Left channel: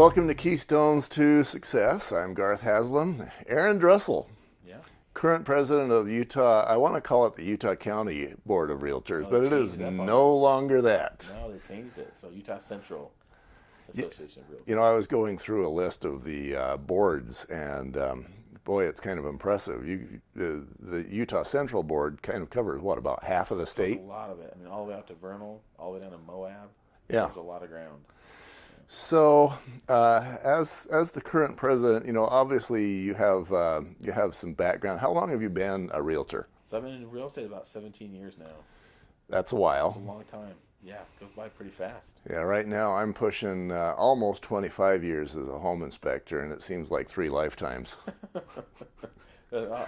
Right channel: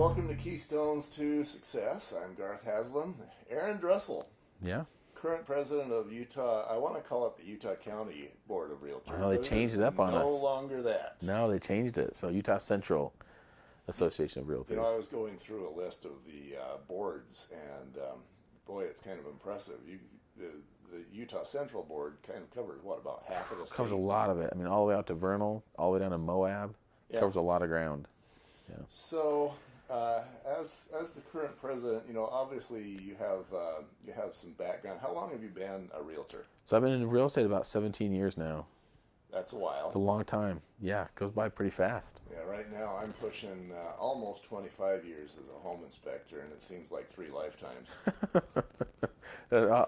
Welcome to Keystones to Success. I'm Garth Haslam. Aaron Drussel, Yeah. current president of Utah. I want to call it the Utah County Board of Realtors, Well, but they it changed is it up on no us. longer that. No, they changed it. So Utah Central Association of Realtors. You know, I was going through a list of the boards, and boy, it's kind of impressive. The Utah Central Board kind of covers, what, about half of the Covers state? a lot of it. I mean, all the way out to Vernal, all the way down to Moab. Yeah. Covers a lot of ground. So, as the current president, you know, obviously you have some background. How long have you been a realtor? So I've been in real estate about 17 years now. That's a It's a while. long time. Yeah, it goes by pretty fast. Yeah, right now I'm pushing almost 25 years as a home inspector, and it seems like 3 lifetimes.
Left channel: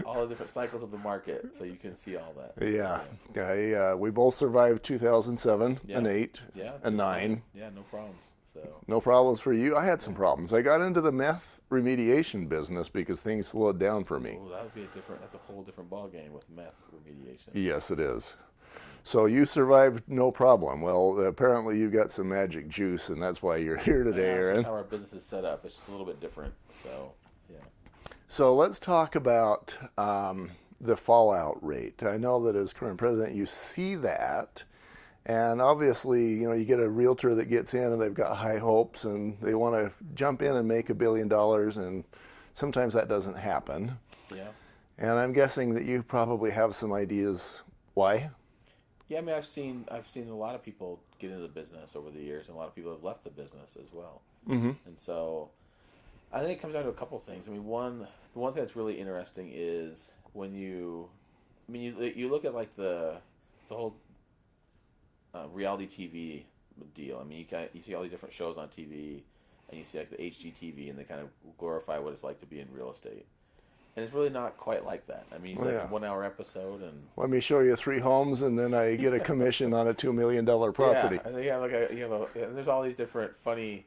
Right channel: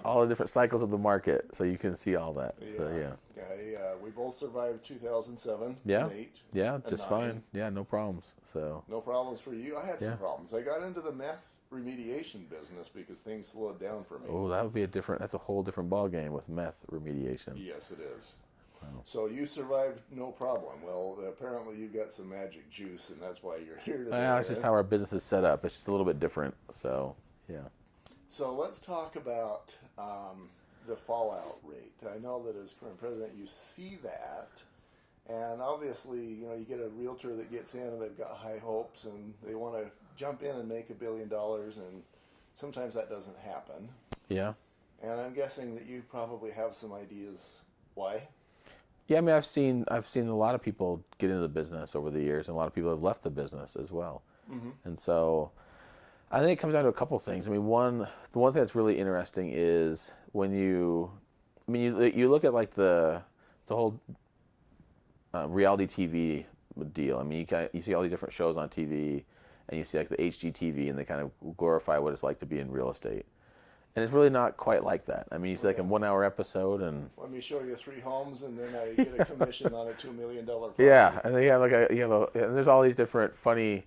All the different cycles of the market, so you can see all that. Yeah, So, we both survived 2007 Yeah. and 8 yeah, and just 9. fine. Yeah, no problems. So No problems for you. I had some Yeah. problems. I got into the meth remediation business because things slowed down for me. oh, that would be that's a whole different ball game with meth remediation. Yes, it is. So you survived no problem. Well, apparently you got some magic juice, and that's why you're here today, Yeah, it's just Aaron. how our business is set up. It's just a little bit different. So, yeah. So let's talk about the fallout rate. I know that as current president, you see that, and obviously, you know, you get a realtor that gets in and they've got high hopes and they want to jump in and make $1 billion, and sometimes that doesn't happen. Yeah. And I'm guessing that you probably have some ideas why. Yeah, I mean, I've seen a lot of people get into the business over the years, and a lot of people have left the business as well. Mm-hmm. And so, I think it comes down to a couple things. I mean, the one thing that's really interesting is when you look at like the whole reality TV deal. I mean, you see all these different shows on TV, and you see like the HGTV, and they kind of glorify what it's like to be in real estate. And it's really not quite like that. I mean, it's like yeah. a 1-hour episode, and Let me show you 3 homes, and then I get a commission on a $2 million property. yeah, and then you have and there's all these different funny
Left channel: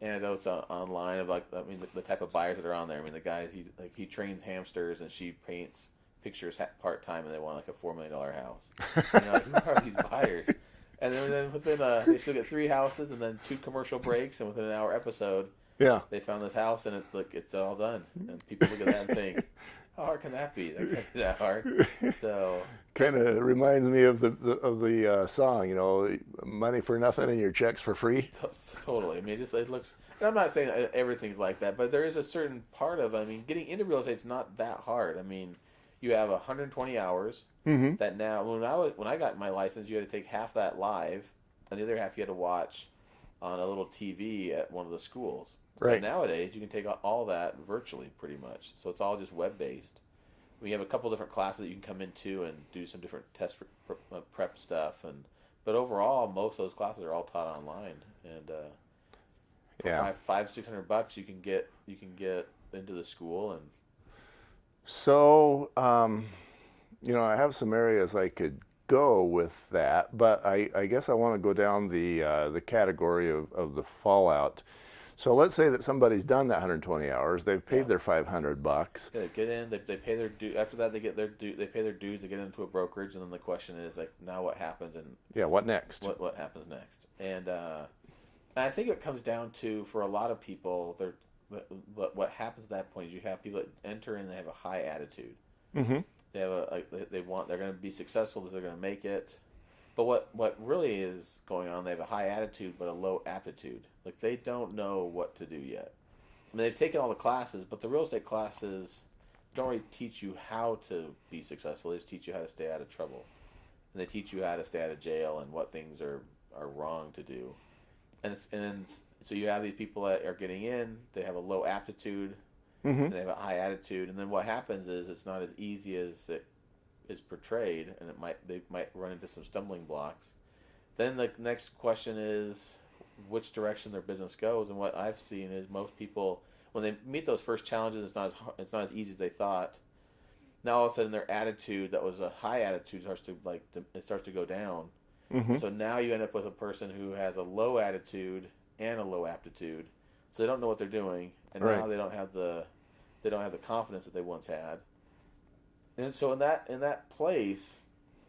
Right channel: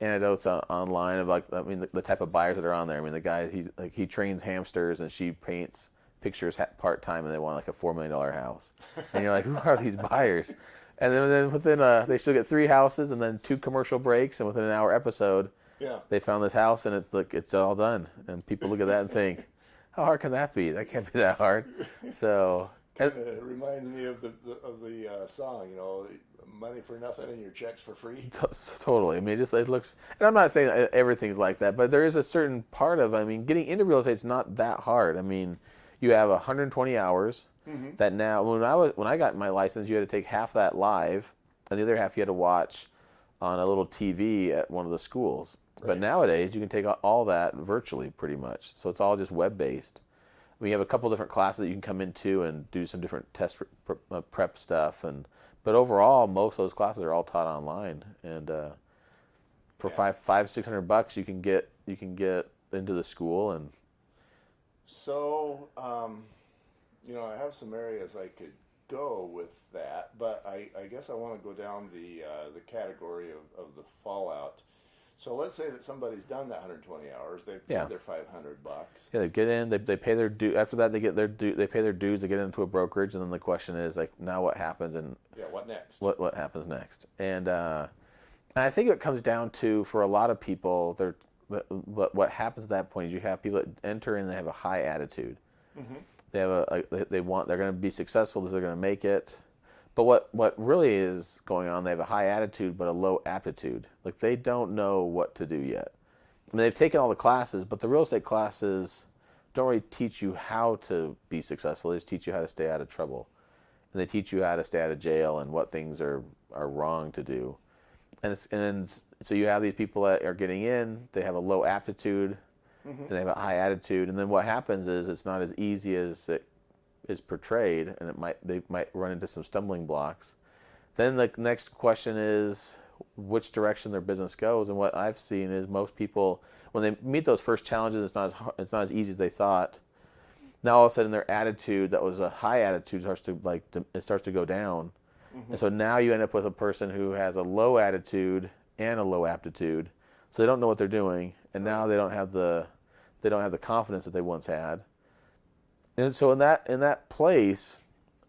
anecdotes online of like, I mean, the type of buyers that are on there. I mean, the guy he trains hamsters, and she paints pictures part time, and they want like a $4 million house. And you're like, who are these buyers? And then within they still get 3 houses, and then 2 commercial breaks, and within an hour episode, Yeah. they found this house, and it's all done. And people look at that and think, how hard can that be? That can't be that hard. So Kind of reminds me of the song, you know, money for nothing and your checks for free. totally. I mean, it looks, and I'm not saying that everything's like that, but there is a certain part of, I mean, getting into real estate is not that hard. I mean, you have 120 hours that now, when I got my license, you had to take half that live, and the other half you had to watch on a little TV at one of the schools. Right. But nowadays, you can take all that virtually pretty much. So it's all just web-based. We have a couple different classes that you can come into and do some different test prep stuff, but overall, most of those classes are all taught online. And for Yeah. $500-600, you can get into the school. And So, you know, I have some areas I could go with that, but I guess I want to go down the category of the fallout. So let's say that somebody's done that 120 hours. They've paid Yeah. their $500. yeah, they get in, they pay their due. After that, they pay their dues. They get into a brokerage, and then the question is like, now what happens, and Yeah, what next? what happens next? And I think it comes down to, for a lot of people, what happens at that point is you have people that enter in, they have a high attitude. Mm-hmm. They have they're going to be successful, they're going to make it. But what really is going on, they have a high attitude but a low aptitude. Like, they don't know what to do yet. I mean, they've taken all the classes, but the real estate classes don't really teach you how to be successful. They just teach you how to stay out of trouble. And they teach you how to stay out of jail and what things are wrong to do. And so you have these people that are getting in, they have a low aptitude, and they have a high attitude. And then what happens is it's not as easy as it is portrayed, and they might run into some stumbling blocks. Then the next question is which direction their business goes. And what I've seen is most people, when they meet those first challenges, it's not as easy as they thought. Now all of a sudden their attitude, that was a high attitude, starts to go down. And so now you end up with a person who has a low attitude and a low aptitude, so they don't know what they're doing, and now they don't have the confidence that they once had. And so in that place,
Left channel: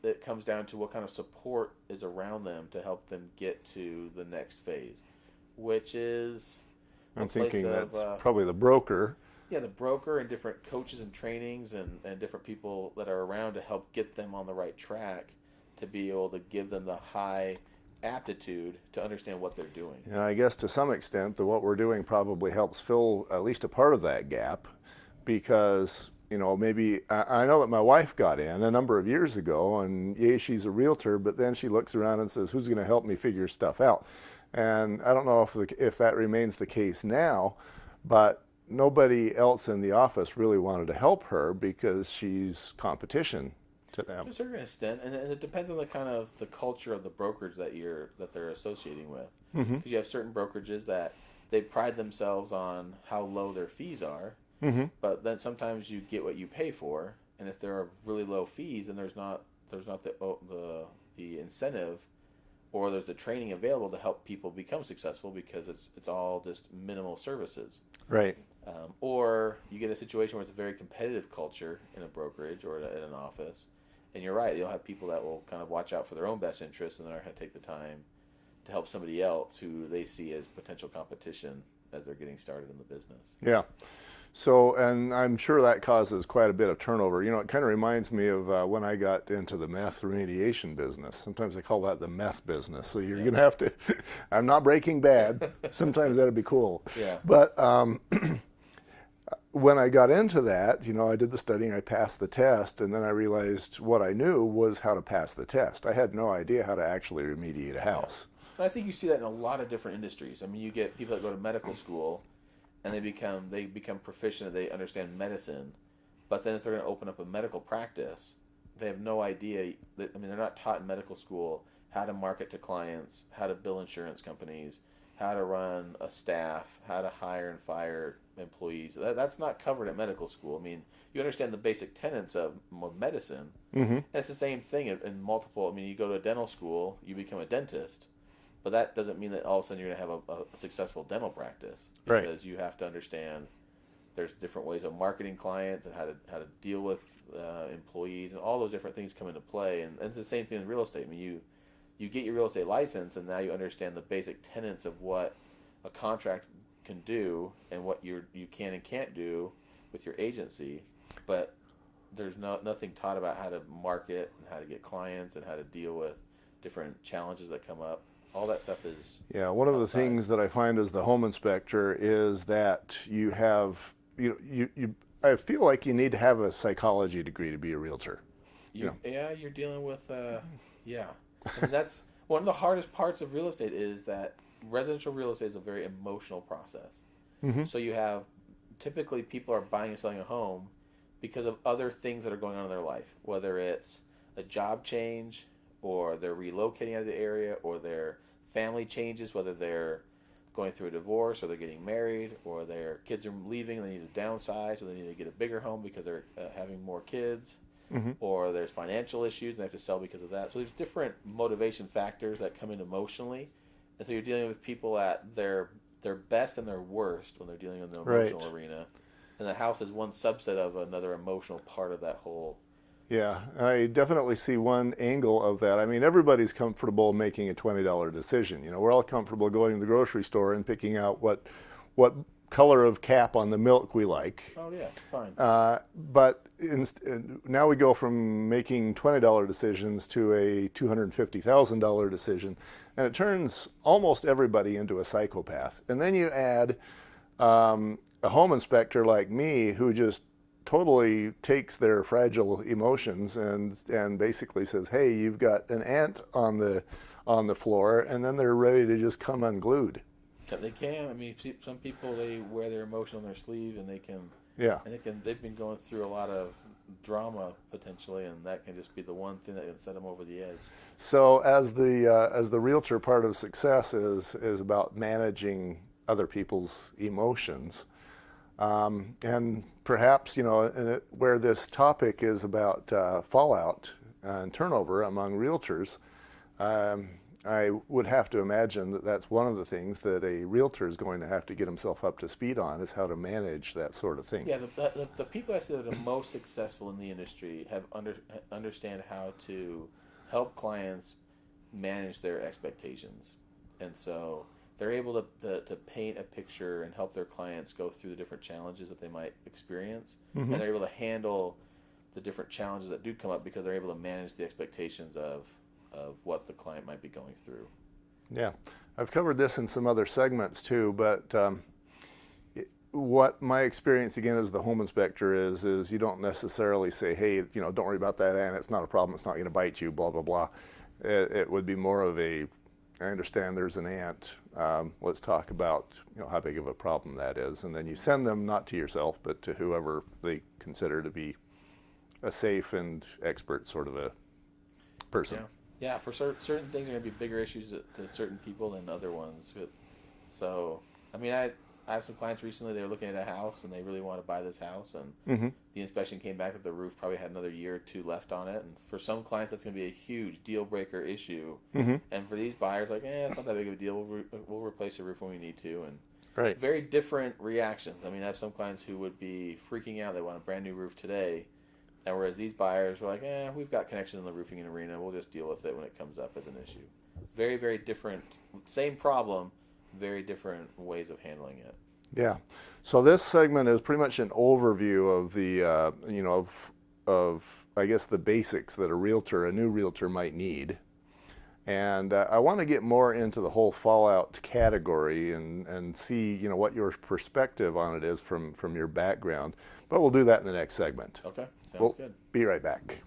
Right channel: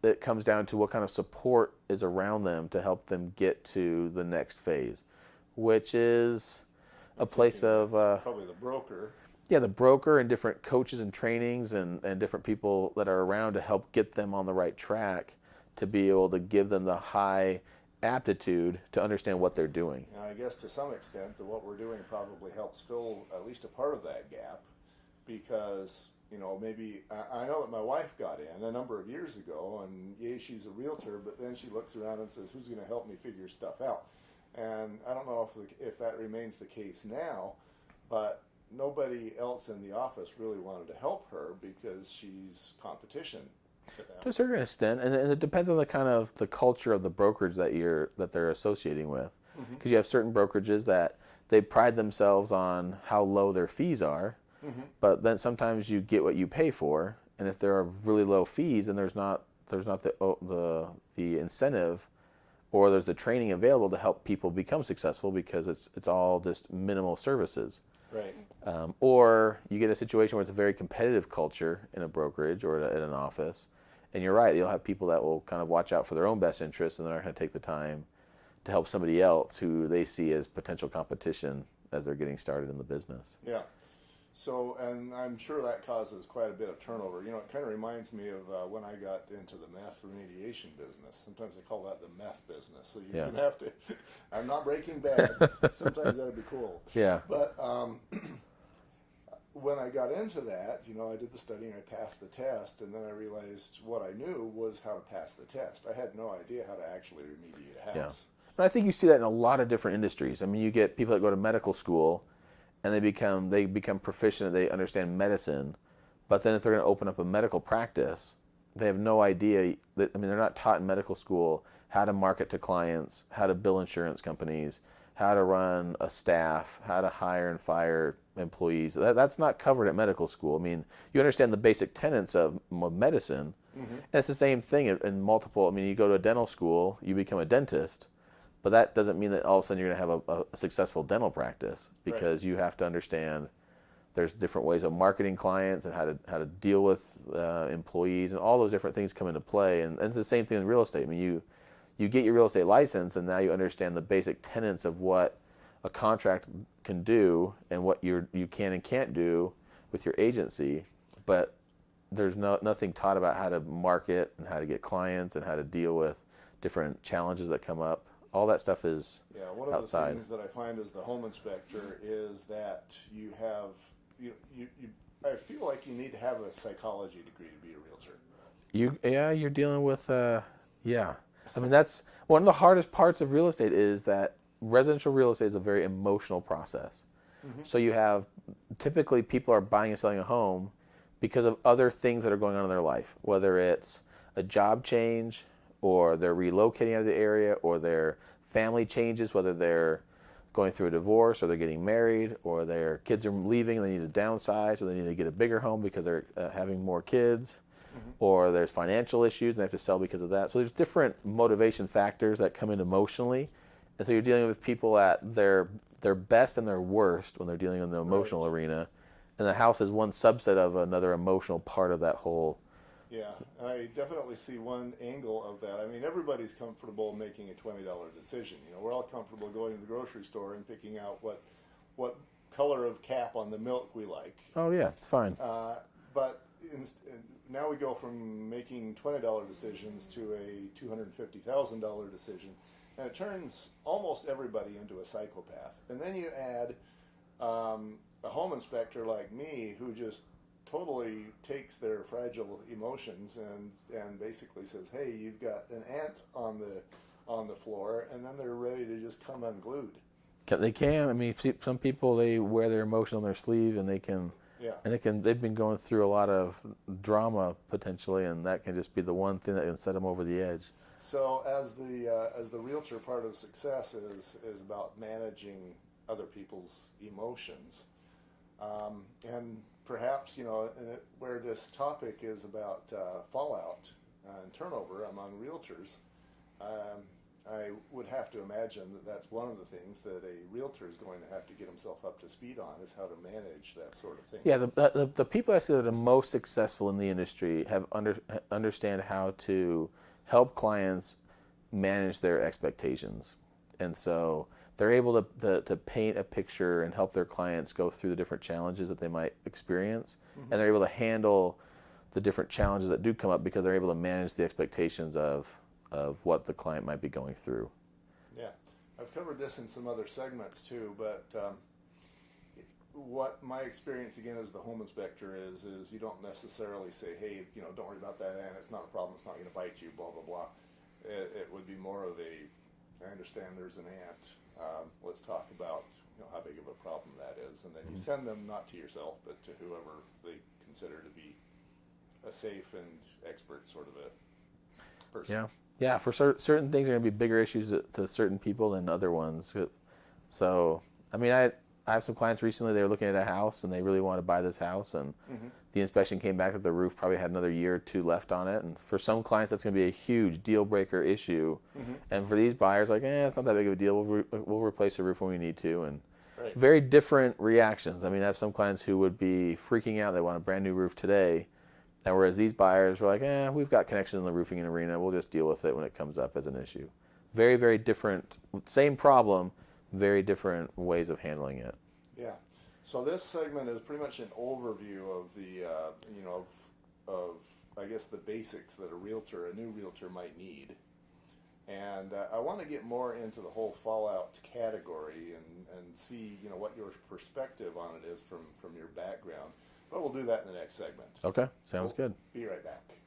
it comes down to what kind of support is around them to help them get to the next phase, which is I'm a place thinking of that's probably the broker. yeah, the broker and different coaches and trainings and different people that are around to help get them on the right track to be able to give them the high aptitude to understand what they're doing. And I guess to some extent, what we're doing probably helps fill at least a part of that gap, because maybe I know that my wife got in a number of years ago, and yeah, she's a realtor, but then she looks around and says, "Who's going to help me figure stuff out?" And I don't know if that remains the case now, but nobody else in the office really wanted to help her because she's competition to them. To a certain extent, and it depends on the kind of the culture of the brokerage that they're associating with. Because you have certain brokerages that they pride themselves on how low their fees are, but then sometimes you get what you pay for, and if there are really low fees, then there's not the incentive, or there's the training available to help people become successful, because it's all just minimal services. Right. Or you get a situation where it's a very competitive culture in a brokerage or at an office, and you're right, you'll have people that will kind of watch out for their own best interests, and they're not going to take the time to help somebody else who they see as potential competition as they're getting started in the business. Yeah. So, and I'm sure that causes quite a bit of turnover. It kind of reminds me of when I got into the meth remediation business. Sometimes they call that the meth business. So you're going to have to, I'm not Breaking Bad. Sometimes that'd be cool. Yeah. But when I got into that, I did the studying, I passed the test, and then I realized what I knew was how to pass the test. I had no idea how to actually remediate a house. But I think you see that in a lot of different industries. I mean, you get people that go to medical school, and they become proficient, they understand medicine, but then if they're going to open up a medical practice, they have no idea that, they're not taught in medical school how to market to clients, how to bill insurance companies, how to run a staff, how to hire and fire employees. That's not covered at medical school. You understand the basic tenets of medicine, and it's the same thing in multiple. You go to a dental school, you become a dentist, but that doesn't mean that all of a sudden you're going to have a successful dental practice, because you have to understand there's different ways of marketing clients and how to deal with employees, and all those different things come into play. And it's the same thing in real estate. You get your real estate license, and now you understand the basic tenets of what a contract can do and what you can and can't do with your agency, but there's nothing taught about how to market and how to get clients and how to deal with different challenges that come up. All that stuff is one of the things that I find as the home inspector is that you have I feel like you need to have a psychology degree to be a realtor. You're dealing with that's one of the hardest parts of real estate, is that residential real estate is a very emotional process. So you have, typically people are buying and selling a home because of other things that are going on in their life, whether it's a job change, or they're relocating out of the area, or their family changes, whether they're going through a divorce, or they're getting married, or their kids are leaving and they need to downsize, or they need to get a bigger home because they're having more kids, or there's financial issues and they have to sell because of that. So there's different motivation factors that come in emotionally, and so you're dealing with people at their best and their worst when they're dealing in the emotional arena, and the house is one subset of another emotional part of that whole. Yeah, I definitely see one angle of that. Everybody's comfortable making a $20 decision. We're all comfortable going to the grocery store and picking out what color of cap on the milk we like. Oh yeah, it's fine. But now we go from making $20 decisions to a $250,000 decision, and it turns almost everybody into a psychopath. And then you add a home inspector like me, who just totally takes their fragile emotions and basically says, "Hey, you've got an ant on the floor," and then they're ready to just come unglued. They can. Some people, they wear their emotion on their sleeve, and they can. Yeah. And they've been going through a lot of drama potentially, and that can just be the one thing that can set them over the edge. So as the realtor, part of success is about managing other people's emotions, and perhaps where this topic is about fallout and turnover among realtors. I would have to imagine that that's one of the things that a realtor is going to have to get himself up to speed on, is how to manage that sort of thing. Yeah, the people I see that are most successful in the industry have understand how to help clients manage their expectations. And so they're able to paint a picture and help their clients go through the different challenges that they might experience, and they're able to handle the different challenges that do come up because they're able to manage the expectations of what the client might be going through. Yeah, I've covered this in some other segments too, but what my experience again as the home inspector is you don't necessarily say, hey, don't worry about that ant, it's not a problem, it's not going to bite you, blah, blah, blah. It would be more of a, I understand there's an ant, let's talk about how big of a problem that is, and then you send them not to yourself, but to whoever they consider to be a safe and expert sort of a person. Yeah. For certain things are going to be bigger issues to certain people than other ones. So, I mean, I have some clients recently, they were looking at a house and they really want to buy this house, and the inspection came back that the roof probably had another year or two left on it. And for some clients, that's going to be a huge deal breaker issue. And for these buyers, like, it's not that big of a deal. We'll replace the roof when we need to. And Right. very different reactions. I mean, I have some clients who would be freaking out. They want a brand new roof today. And whereas these buyers were like, we've got connections in the roofing arena. We'll just deal with it when it comes up as an issue. Very, very different. Same problem, very different ways of handling it. Yeah. So this segment is pretty much an overview of the, of I guess the basics that a new realtor might need. And I want to get more into the whole fallout category and see, what your perspective on it is from your background. But we'll do that in the next segment. Okay, sounds good. Be right back.